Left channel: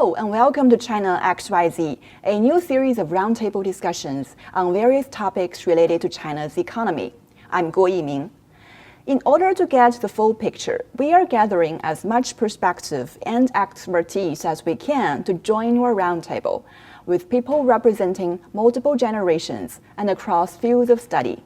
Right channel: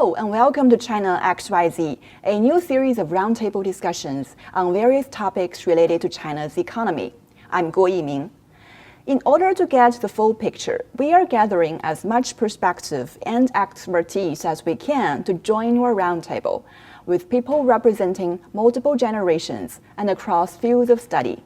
Hello and welcome to China XYZ, a new series of roundtable discussions on various topics related to China's economy. I'm Guo Yiming. In order to get the full picture, we are gathering as much perspective and expertise as we can to join your roundtable, with people representing multiple generations and across fields of study.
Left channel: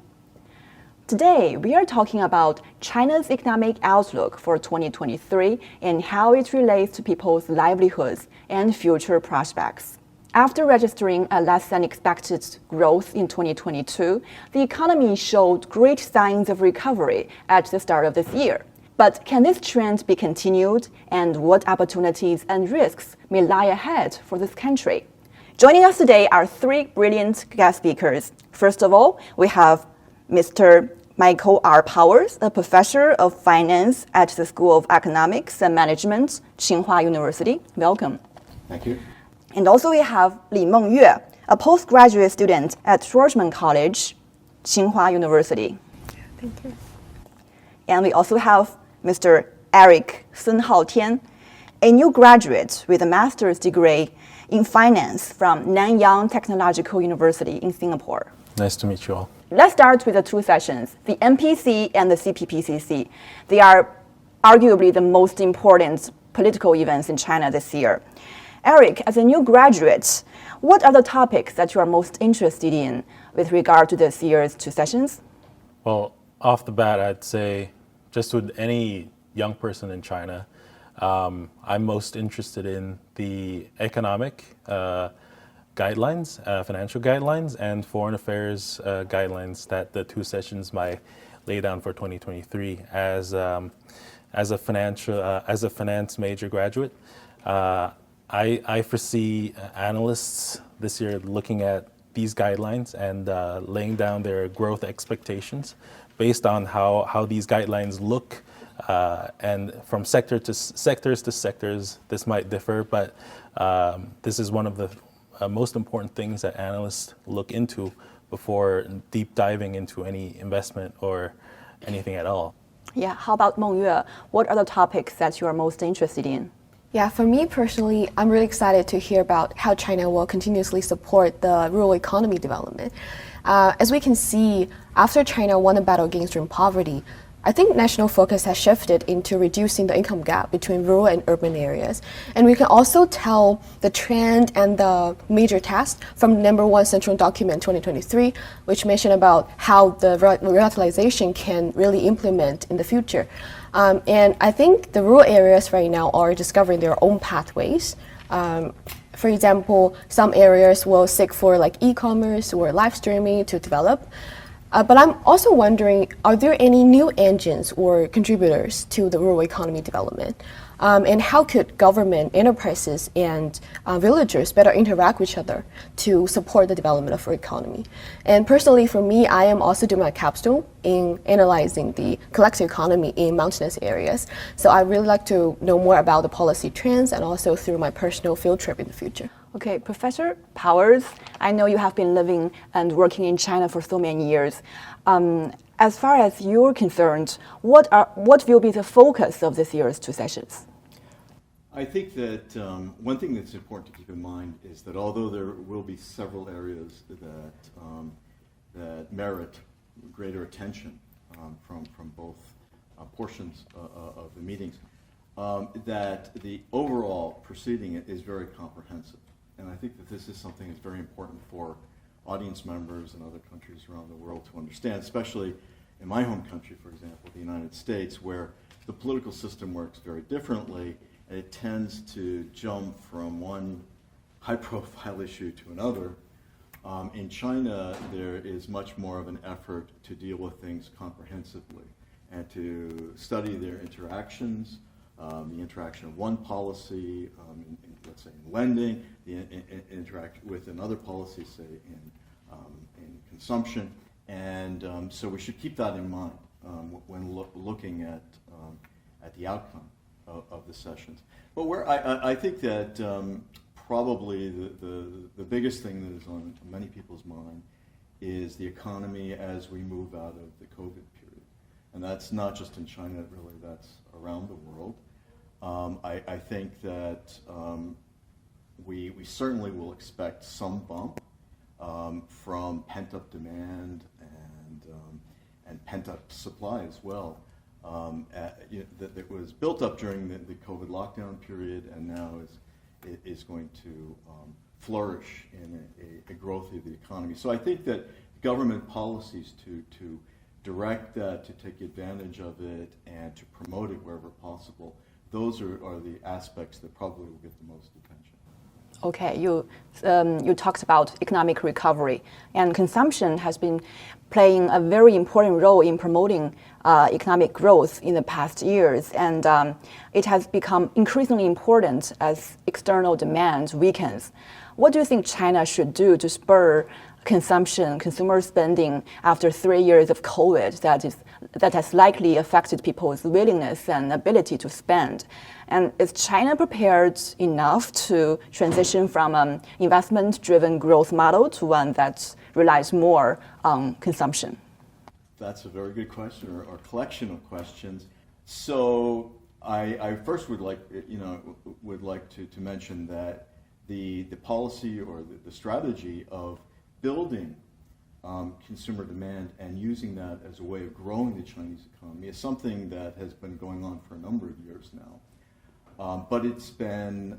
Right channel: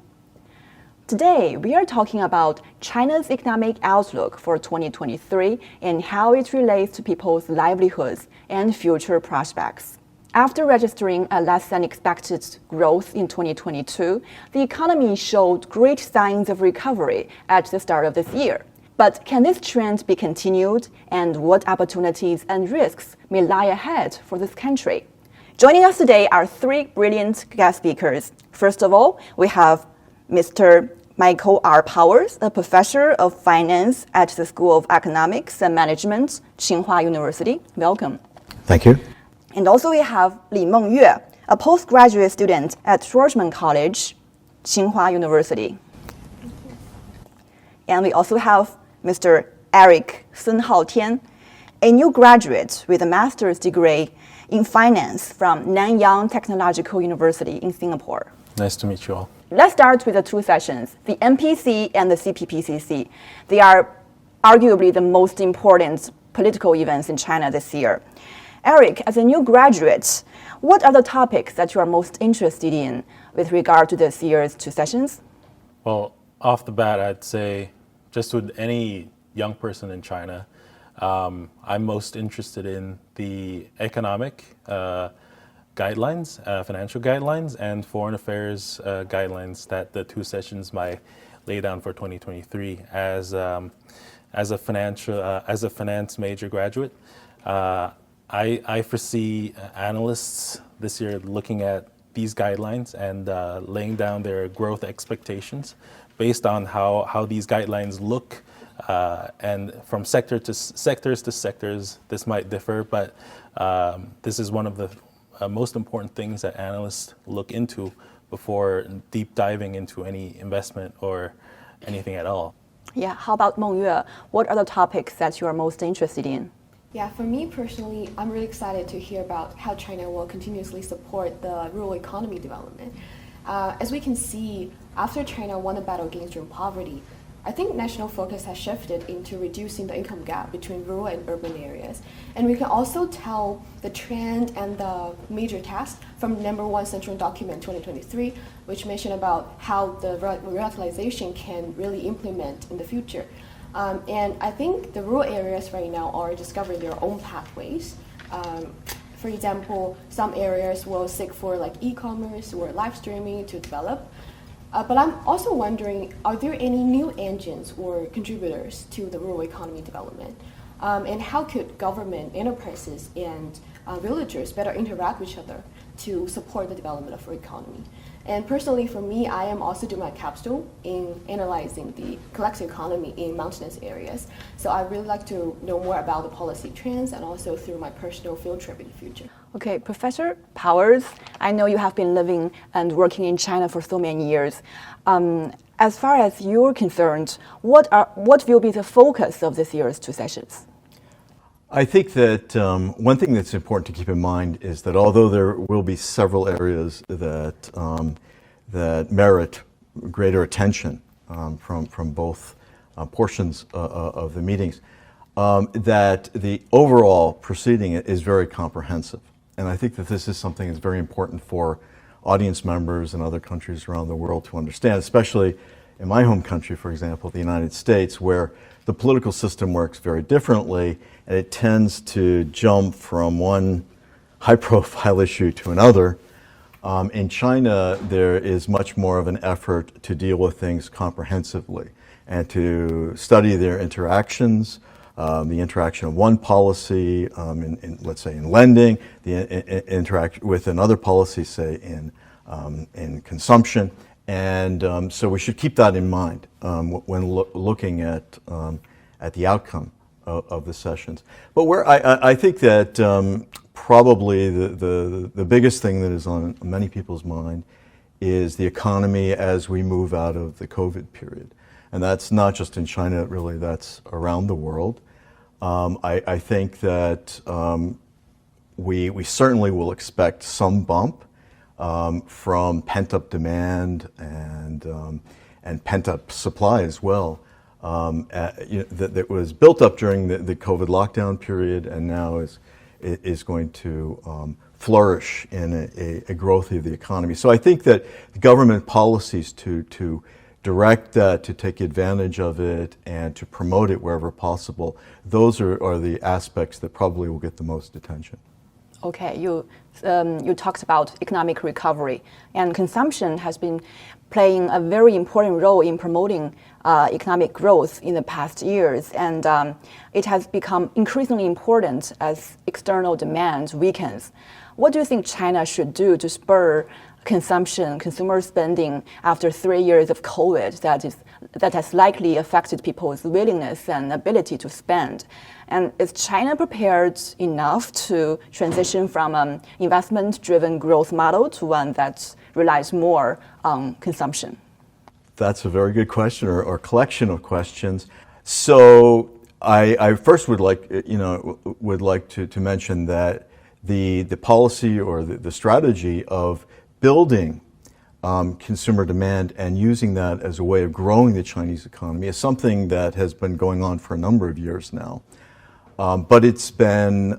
Today, we are talking about China's economic outlook for 2023 and how it relates to people's livelihoods and future prospects. After registering a less than expected growth in 2022, the economy showed great signs of recovery at the start of this year. But can this trend be continued, and what opportunities and risks may lie ahead for this country? Joining us today are three brilliant guest speakers. First of all, we have Mr. Michael R. Powers, a professor of finance at the School of Economics and Management, Tsinghua University. Welcome. Thank you. And also we have Li Mengyue, a postgraduate student at Schwarzman College, Tsinghua University. Thank you. And we also have Mr. Eric Sun Haotian, a new graduate with a master's degree in finance from Nanyang Technological University in Singapore. Nice to meet you all. Let's start with the two sessions, the MPC and the CPPCC. They are arguably the most important political events in China this year. Eric, as a new graduate, what are the topics that you are most interested in with regard to this year's two sessions? Well, off the bat, I'd say just with any young person in China, I'm most interested in the economic guidelines, financial guidelines, and foreign affairs guidelines that the two sessions might lay down for 2023. As a finance major graduate, I foresee analysts this year looking at these guidelines and laying down their growth expectations based on how these guidelines look, and from sectors to sectors, this might differ, but this is one of the most important things that analysts look into before deep diving into any investment or anything at all. Yeah, how about Mengyue? What are the topics that you are most interested in? Yeah, for me personally, I'm really excited to hear about how China will continuously support the rural economy development. As we can see, after China won the battle against rural poverty, I think national focus has shifted into reducing the income gap between rural and urban areas. And we can also tell the trend and the major tasks from #1 Central Document 2023, which mentioned about how the revitalization can really implement in the future. And I think the rural areas right now are discovering their own pathways. For example, some areas will seek for like e-commerce or live streaming to develop. But I'm also wondering, are there any new engines or contributors to the rural economy development? And how could government, enterprises, and villagers better interact with each other to support the development of our economy? And personally, for me, I am also doing my capstone in analyzing the collective economy in mountainous areas. So I really like to know more about the policy trends and also through my personal field trip in the future. Okay, Professor Powers, I know you have been living and working in China for so many years. As far as you're concerned, what will be the focus of this year's two sessions? I think that one thing that's important to keep in mind is that although there will be several areas that that merit greater attention from both portions of the meetings, that the overall proceeding is very comprehensive. And I think that this is something that's very important for audience members in other countries around the world to understand, especially in my home country, for example, the United States, where the political system works very differently, and it tends to jump from one high-profile issue to another. In China, there is much more of an effort to deal with things comprehensively and to study their interactions, the interaction of one policy, let's say in lending, the interact with another policy, say in consumption, and so we should keep that in mind when looking at the outcome of the sessions. But where I think that probably the biggest thing that is on many people's mind is the economy as we move out of the COVID period. And that's not just in China, really, that's around the world. I think that we certainly will expect some bump from pent-up demand and pent-up supply as well. That was built up during the COVID lockdown period and now is going to flourish in a growth of the economy. So I think that government policies to direct that, to take advantage of it, and to promote it wherever possible, those are the aspects that probably will get the most attention. Okay, you talked about economic recovery, and consumption has been playing a very important role in promoting economic growth in the past years, and it has become increasingly important as external demand weakens. What do you think China should do to spur consumption, consumer spending after 3 years of COVID that has likely affected people's willingness and ability to spend? And is China prepared enough to transition from an investment-driven growth model to one that relies more on consumption? That's a very good question, or collection of questions. So I first would like to mention that the policy or the strategy of building consumer demand and using that as a way of growing the Chinese economy is something that has been going on for a number of years now. But it's been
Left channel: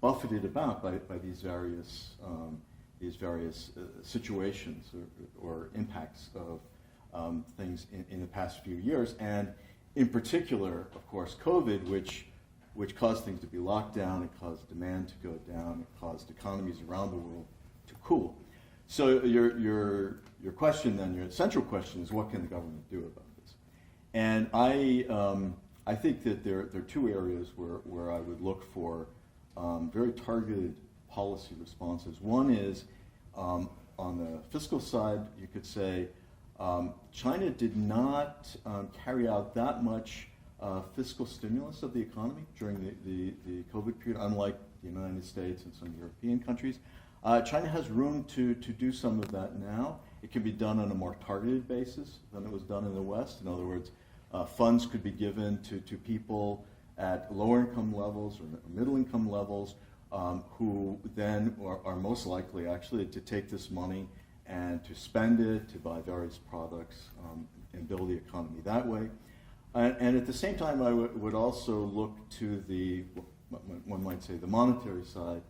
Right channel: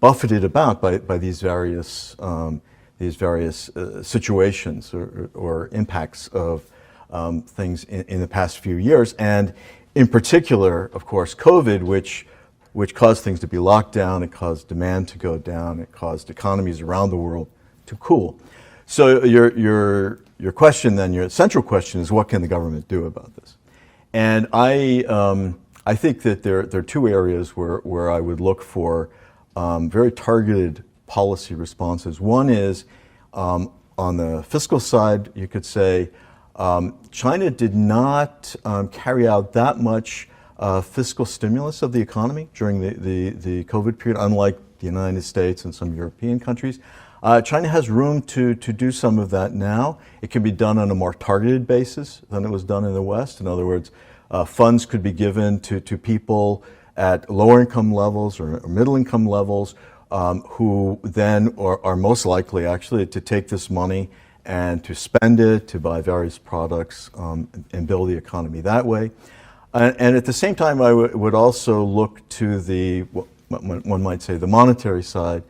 buffeted about by these various situations or impacts of things in the past few years. And in particular, of course, COVID, which caused things to be locked down, it caused demand to go down, it caused economies around the world to cool. So your question then, your central question is, what can the government do about this? And I think that there are two areas where I would look for very targeted policy responses. One is on the fiscal side, you could say China did not carry out that much fiscal stimulus of the economy during the COVID period, unlike the United States and some European countries. China has room to do some of that now. It can be done on a more targeted basis than it was done in the West. In other words, funds could be given to people at lower income levels or middle income levels who then are most likely actually to take this money and to spend it, to buy various products and build the economy that way. And at the same time, I would also look to one might say, the monetary side,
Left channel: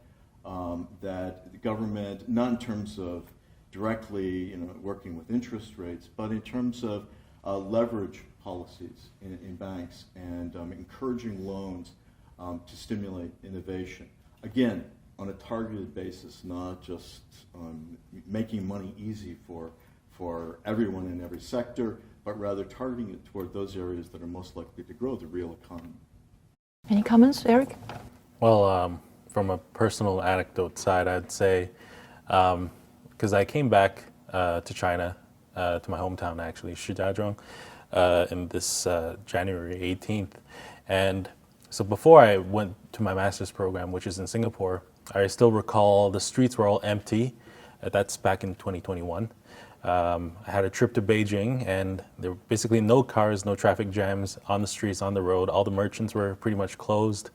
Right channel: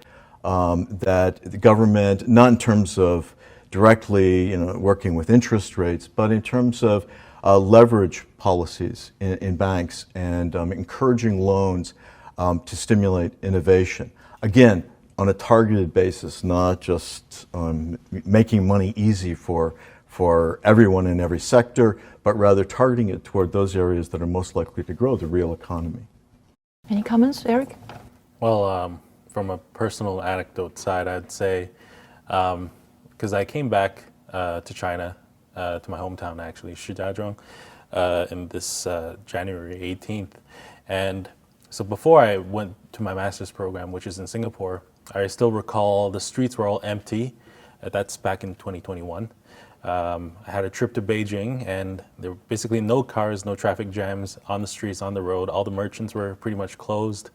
that the government, not in terms of directly working with interest rates, but in terms of leverage policies in banks and encouraging loans to stimulate innovation. Again, on a targeted basis, not just making money easy for everyone in every sector, but rather targeting it toward those areas that are most likely to grow the real economy. Any comments, Eric? Well, from a personal anecdote side, I'd say, because I came back to China, to my hometown actually, Shijiazhuang, in this January 18th. And so before I went to my master's program, which is in Singapore, I still recall the streets were all empty. That's back in 2021. I had a trip to Beijing, and there were basically no cars, no traffic jams on the streets, on the road. All the merchants were pretty much closed.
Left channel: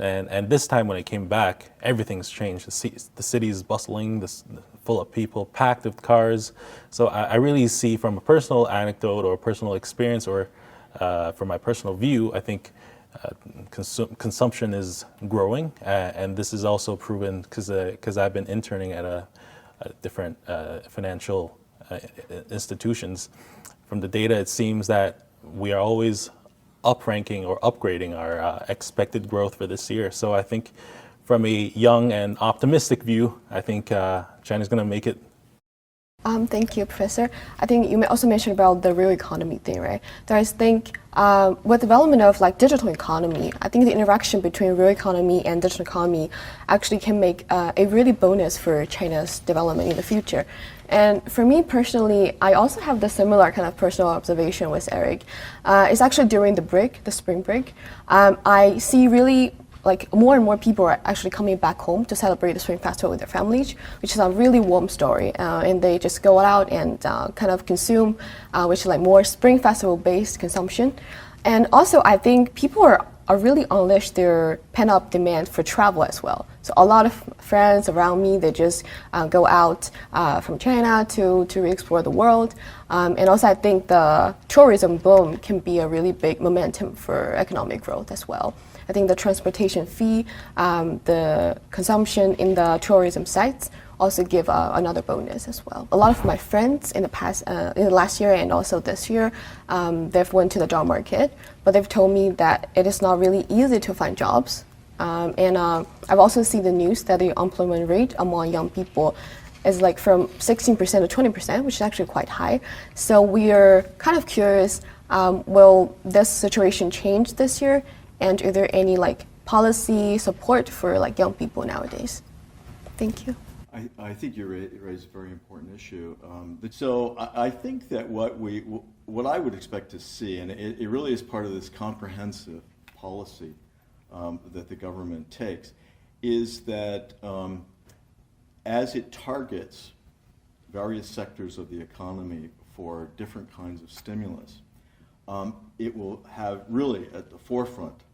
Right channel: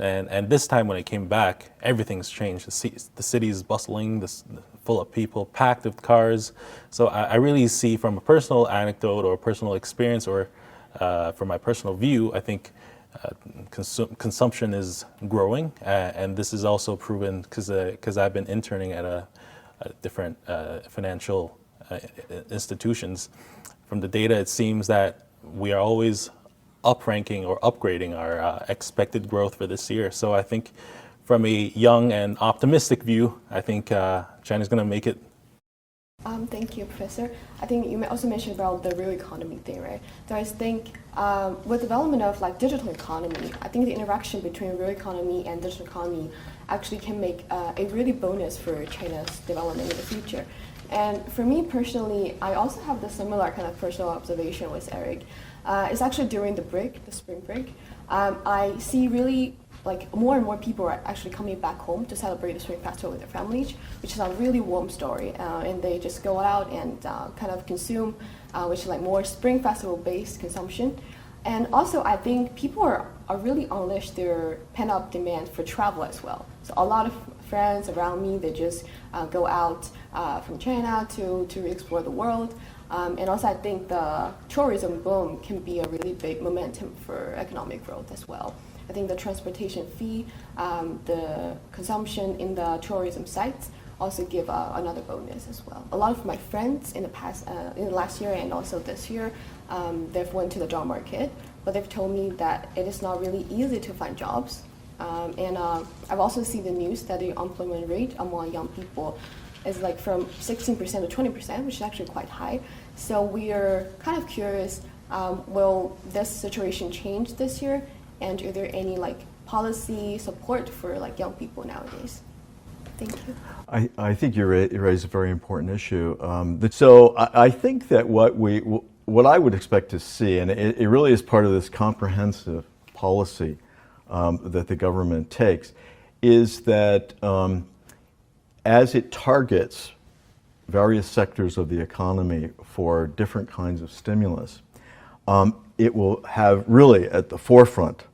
And this time when I came back, everything's changed. The city is bustling, full of people, packed with cars. So I really see, from a personal anecdote or personal experience, or from my personal view, I think consumption is growing. And this is also proven because I've been interning at different financial institutions. From the data, it seems that we are always up-ranking or upgrading our expected growth for this year. So I think from a young and optimistic view, I think China's going to make it. Thank you, Professor. I think you also mentioned about the real economy thing, right? So I think with development of digital economy, I think the interaction between real economy and digital economy actually can make a really bonus for China's development in the future. And for me personally, I also have the similar kind of personal observation with Eric. It's actually during the spring break. I see really more and more people are actually coming back home to celebrate the Spring Festival with their families, which is a really warm story. And they just go out and kind of consume, which is more Spring Festival-based consumption. And also, I think people are are really unleashed their pent-up demand for travel as well. So a lot of friends around me, they just go out from China to explore the world. And also I think the tourism boom can be a really big momentum for economic growth as well. I think the transportation fee, the consumption in the tourism sites also give another bonus as well. A lot of my friends in the last year and also this year, they've went to the job market, but they've told me that it is not really easy to find jobs. And I've also seen the news that the unemployment rate among young people is like from 16% to 20%, which is actually quite high. So we're kind of curious, will this situation change this year? And are there any like policy support for like young people nowadays? Thank you. I think you raise a very important issue. So I think that what I would expect to see, and it really is part of this comprehensive policy that the government takes, is that as it targets various sectors of the economy for different kinds of stimulus, it will have really at the forefront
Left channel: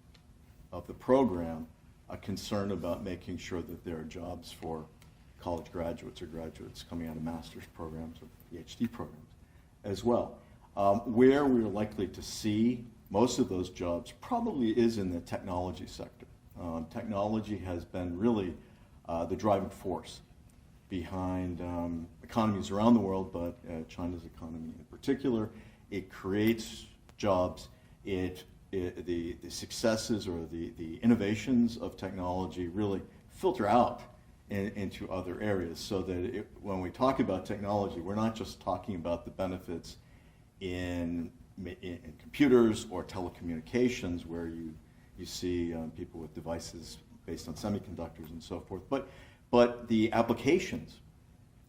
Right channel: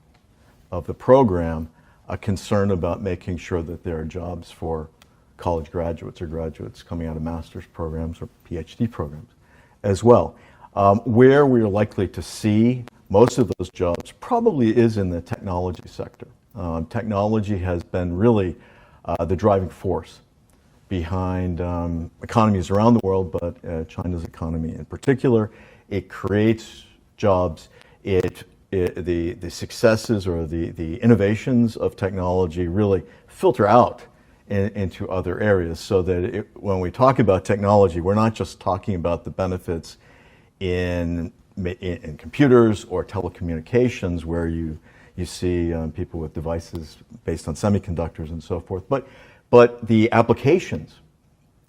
of the program a concern about making sure that there are jobs for college graduates or graduates coming out of master's programs or PhD programs as well. Where we're likely to see most of those jobs probably is in the technology sector. Technology has been really the driving force behind economies around the world, but China's economy in particular. It creates jobs. The successes or the innovations of technology really filter out into other areas, so that when we talk about technology, we're not just talking about the benefits in computers or telecommunications, where you see people with devices based on semiconductors and so forth, but the applications,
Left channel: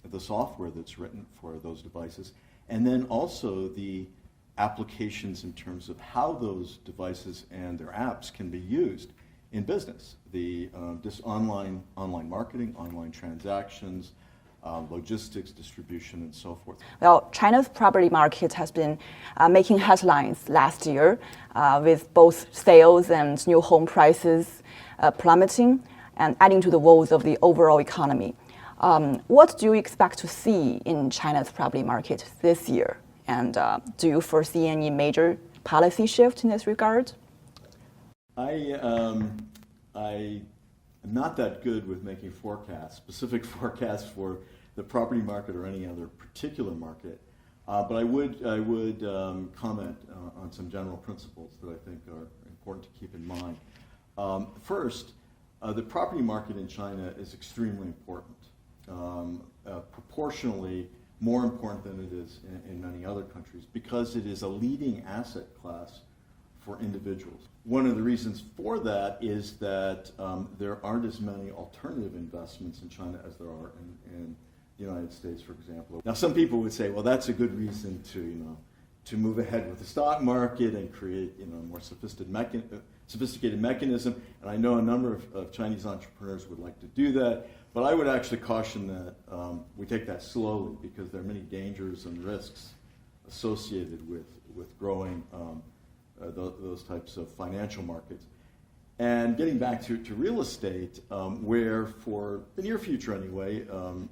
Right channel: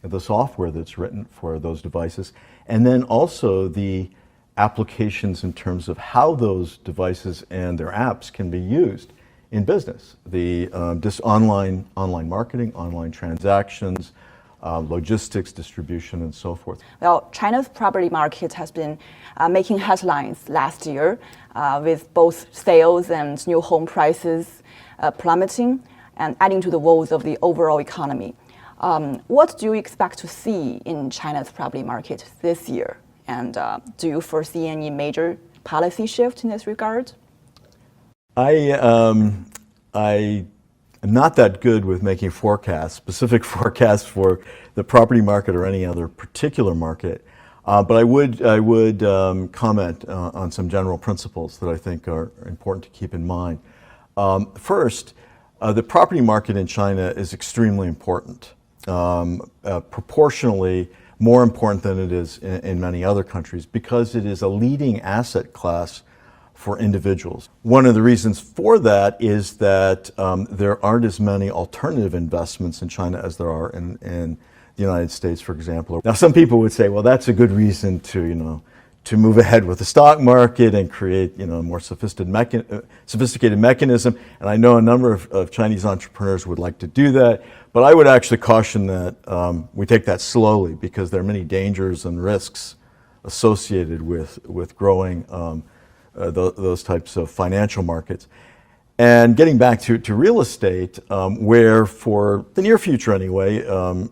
the software that's written for those devices, and then also the applications in terms of how those devices and their apps can be used in business. Just online marketing, online transactions, logistics, distribution, and so forth. Well, China's property market has been making headlines last year with both sales and new home prices plummeting and adding to the woes of the overall economy. What do you expect to see in China's property market this year? And do you foresee any major policy shift in this regard? I am not that good with making forecasts, specific forecasts for the property market or any other particular market, but I would comment on some general principles that I think are important to keep in mind. First, the property market in China is extremely important, proportionally more important than it is in many other countries, because it is a leading asset class for individuals. One of the reasons for that is that there aren't as many alternative investments in China as there are in the United States, for example. Now, some people would say, well, that's a good reason to move ahead with the stock market and create a more sophisticated mechanism. And I know a number of Chinese entrepreneurs would like to do that, but I would actually caution that we take that slowly, because there are many dangers and risks associated with growing those types of financial markets. And getting back to real estate, where for the near future anyway,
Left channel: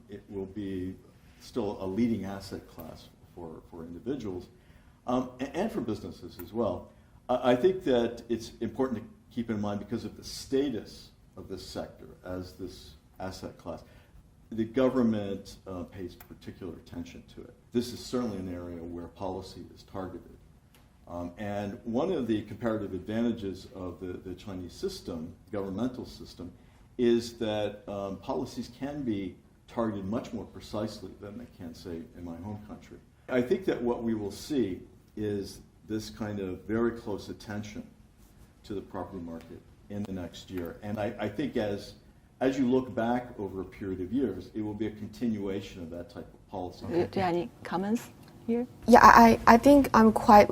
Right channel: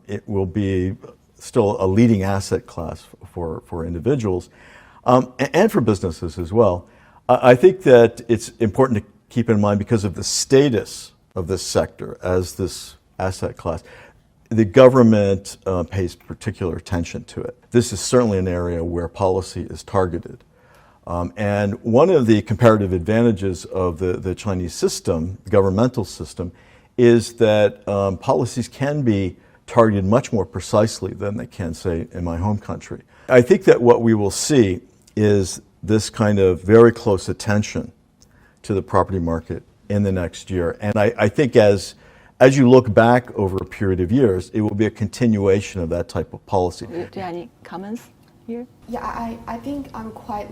it will be still a leading asset class for individuals and for businesses as well. I think that it's important to keep in mind, because of the status of this sector as this asset class, the government pays particular attention to it. This is certainly an area where policy is targeted. And one of the comparative advantages of the Chinese system, the governmental system, is that policies can be targeted much more precisely than they can, say, in my home country. I think that what we will see is this kind of very close attention to the property market in the next year. And I think as you look back over a period of years, it will be a continuation of that type of policy. Do you have any comments here? Yeah, I think I'm quite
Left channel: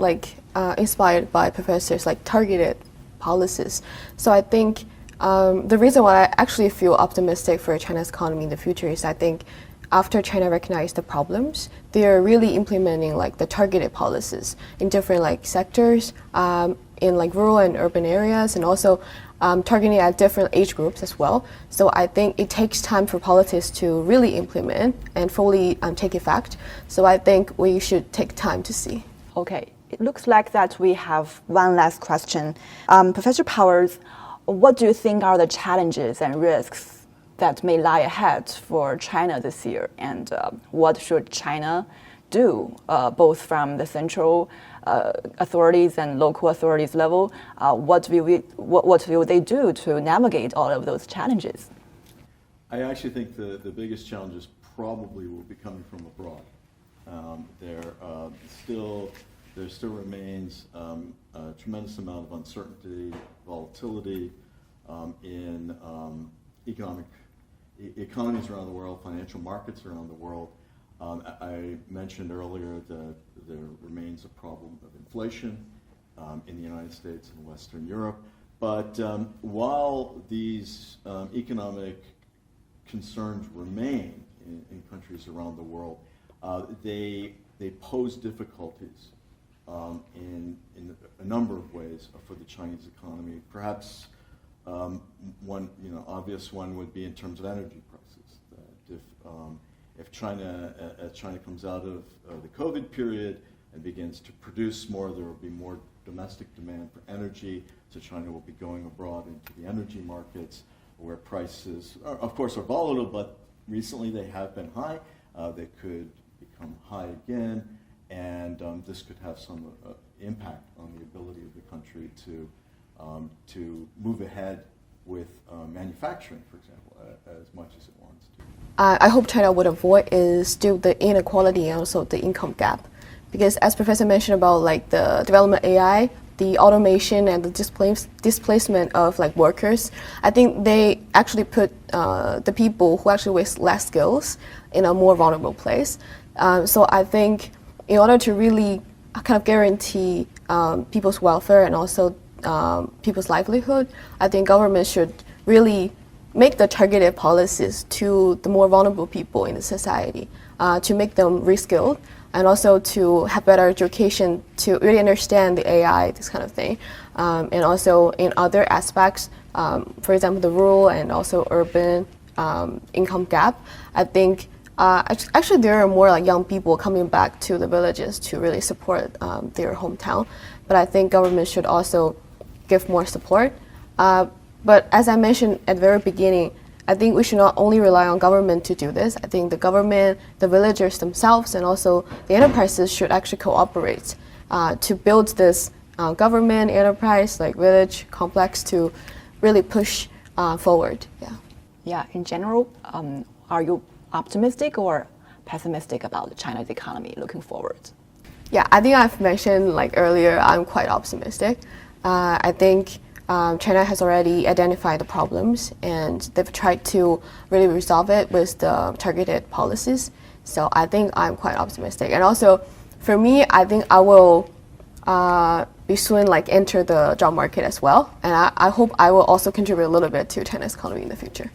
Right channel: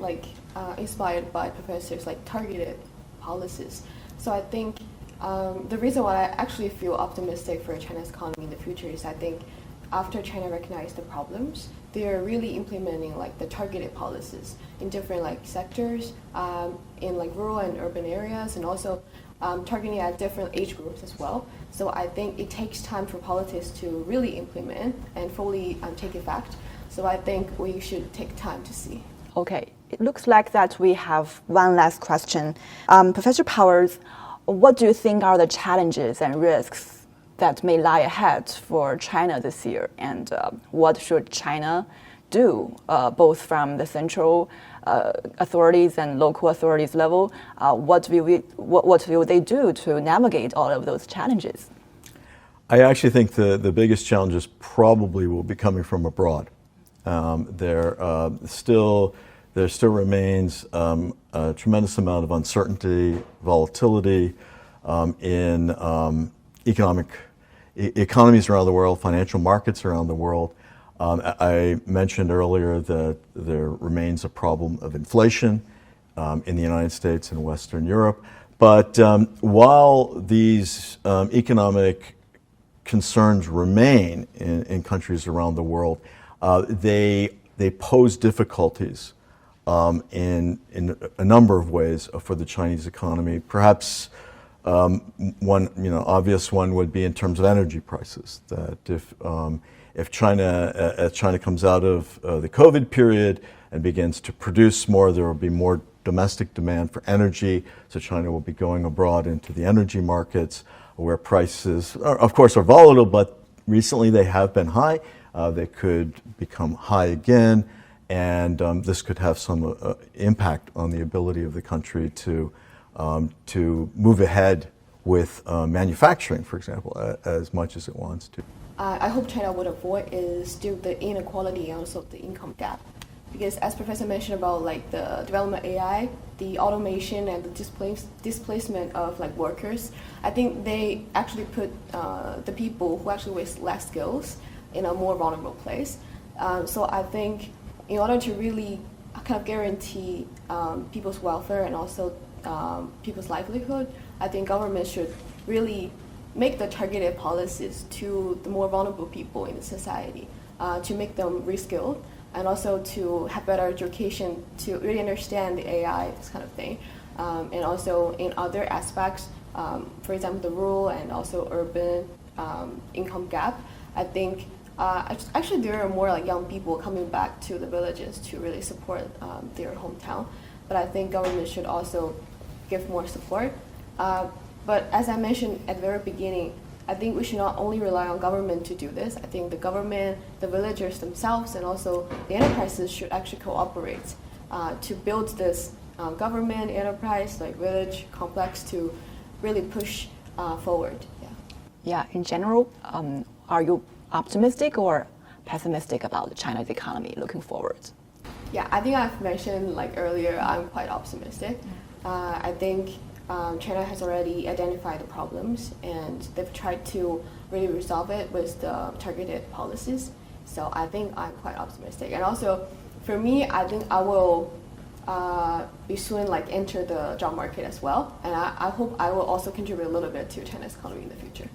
inspired by professors targeted policies. So I think the reason why I actually feel optimistic for China's economy in the future is I think after China recognized the problems, they are really implementing like the targeted policies in different like sectors, in like rural and urban areas, and also targeting at different age groups as well. So I think it takes time for politics to really implement and fully take effect. So I think we should take time to see. Okay, it looks like that we have one last question. Professor Powers, what do you think are the challenges and risks that may lie ahead for China this year? And what should China do, both from the central authorities and local authorities level? What will they do to navigate all of those challenges? I actually think the biggest challenges probably will be coming from abroad. There still remains a tremendous amount of uncertainty, volatility in economies around the world, financial markets around the world. I mentioned earlier that there remains a problem of inflation in the United States and Western Europe. But while these economic concerns remain in countries around the world, they pose difficulties in a number of ways for the Chinese economy. Perhaps one obvious one would be in terms of energy prices. That if China comes out of the COVID period and begins to produce more, there will be more domestic demand for energy. So China will be going abroad into the energy markets, where prices, of course, are volatile, but recently they have been high. They could become high again, and this could have some impact on the ability of the country to move ahead with manufacturing, for example, as much as it wants to. I hope China would avoid is still the inequality and also the income gap, because as Professor mentioned about like the development of AI, the automation and the displacement of like workers, I think they actually put the people who actually with less skills in a more vulnerable place. So I think in order to really kind of guarantee people's welfare and also people's livelihood, I think government should really make the targeted policies to the more vulnerable people in the society, to make them reskilled, and also to have better education to really understand the AI, this kind of thing. And also in other aspects, for example, the rural and also urban income gap, I think actually there are more like young people coming back to the villages to really support their hometown. But I think government should also give more support. But as I mentioned at the very beginning, I think we should not only rely on government to do this. I think the government, the villagers themselves, and also the enterprises should actually cooperate to build this government, enterprise, like village complex to really push forward. Yeah. Yeah, in general, are you optimistic or pessimistic about China's economy looking forward? Yeah, I think I've mentioned like earlier, I'm quite optimistic. I think China has already identified the problems and they've tried to really resolve it with the targeted policies. So I think I'm quite optimistic. And also, for me, I think I will be soon like enter the job market as well. And I hope I will also contribute a little bit to China's economy in the future.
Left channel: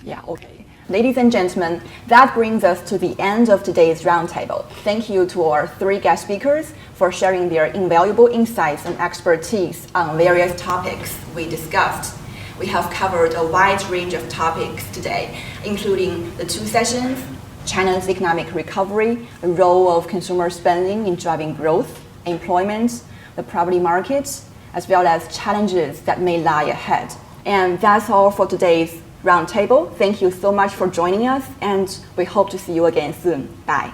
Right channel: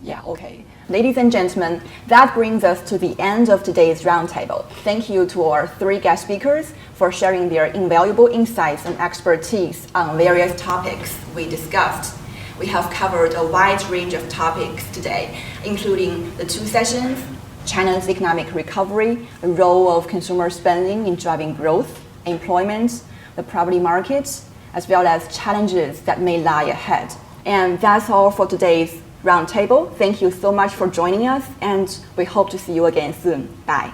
Yeah, okay. Ladies and gentlemen, that brings us to the end of today's roundtable. Thank you to our three guest speakers for sharing their invaluable insights and expertise on various topics we discussed. We have covered a wide range of topics today, including the two sessions, China's economic recovery, the role of consumer spending in driving growth, employment, the property market, as well as challenges that may lie ahead. And that's all for today's roundtable. Thank you so much for joining us, and we hope to see you again soon. Bye.